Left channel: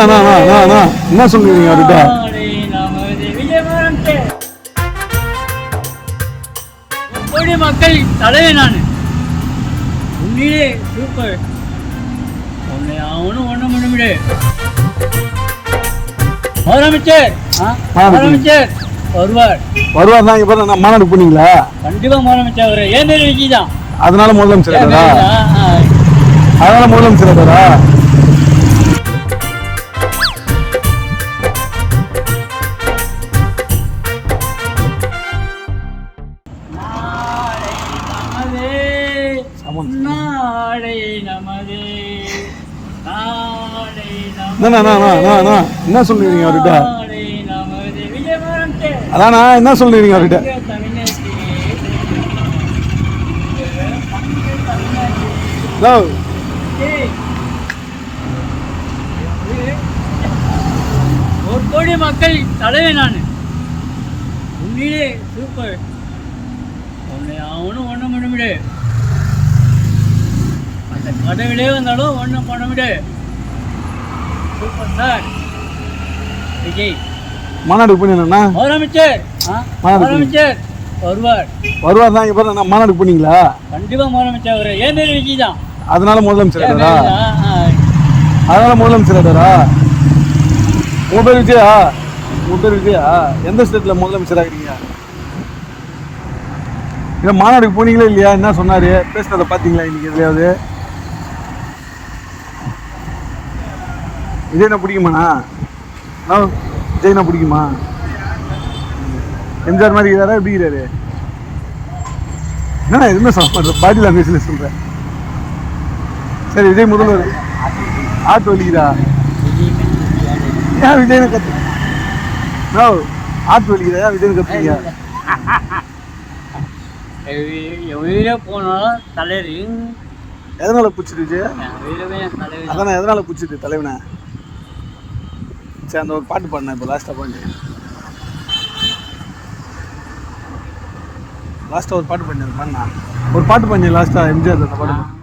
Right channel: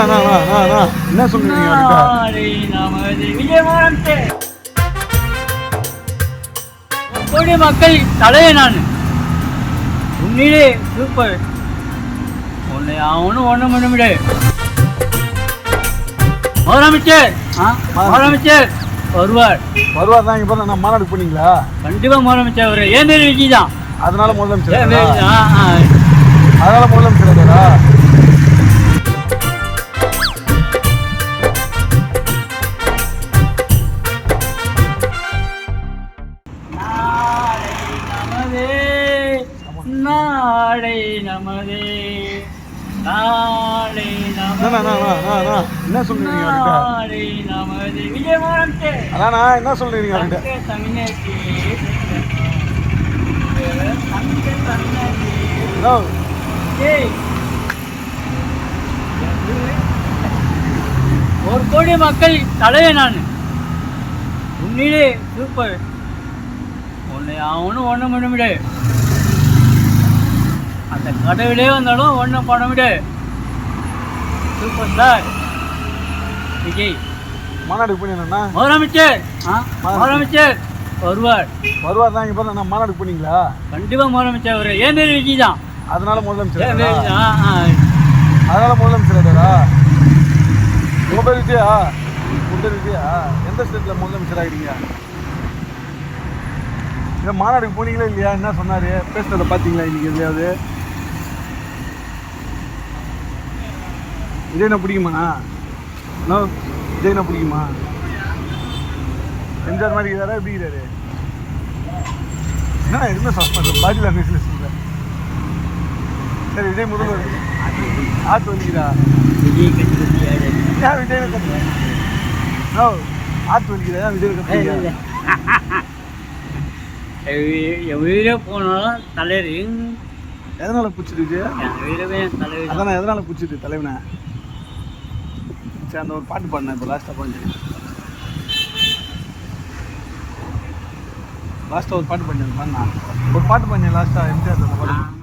என்ன சொல்றீங்க அவர்கிட்ட? கோடி மக்கள் தலைவர் நான். உண்மையிலே சூப்பர். உன்னை அவனும் ஒண்ணும் பண்ண முடியாது. முதலமைச்சர் வருவார் தான். இப்ப நான் மாநாடு போனீங்களா? கண்டிப்பா முதலமைச்சர் அவரு ஏன் பேர் விஜய் தான். அதனால முதலமைச்சர் அதனால முதலமைச்சர் நாளை நமதே நாளை என்ன சொல்றீங்க அவர்கிட்ட? நமதே விஜயமானே அதானா என்ன சொல்றீங்க அவர்கிட்ட? ஒரு கோடி மக்கள் தலைவர் நான். உண்மையிலே சூப்பர். உன்னை அவனும் ஒண்ணும் பண்ண முடியாது. அந்த கடவுளே வந்தாலும் ஒன்றும் பண்ண முடியாது. Super star Vijay. மாநாடு போனீங்கன்னா முதலமைச்சர் வருவார் தான். இப்ப நான் மாநாடு போனீங்களா? கண்டிப்பா முதலமைச்சர் அவரு ஏன் பேர் விஜய் தான். அதனால முதலமைச்சர் அதனால முதலமைச்சர் உங்க பேர் விஜயா? உங்க பேர் விஜயா? எந்த ஸ்டேட்ல முதலமைச்சர் ஆகிறீங்க? இல்ல மாநாடுக்கு போனீங்களா இல்லையா? என்ன சொன்னாரு? பேசுறத பாத்தீங்களா இன்னைக்கு எதுலையாவது? விஜய்னா பிடிக்குமாண்ணா? விஜய்னா பிடிக்குமா? எம்ஜிஆர் மாதிரி இருக்கிறாரா? எப்படி இருக்கிறாரு? என்ன எதுவுமே சொல்ல பாடி லாங்குவேஜ்ல சொல்றேன். சரி, விஜய் முதல்வர் ஆட்டு வலிக்குதா? விஜய் விஜய் கத்து ஆட்டு வலிக்குதா? விஜய் கத்துறீங்க? உயிரே போனாலும் தலைவர் எதனால பிடிச்சிருக்கு? தலைவர் எதனால பிடிச்சிருக்கு தலைவனை? சரி, அந்த ஒரு பாட்டு பாடினேன் இப்போ லாஸ்ட்டாக ஒரு பாட்டு பண்ணேன். ஒரு பாட்டு பண்ணேன் லாஸ்ட்டாக எம்ஜிஆர் பாட்டு.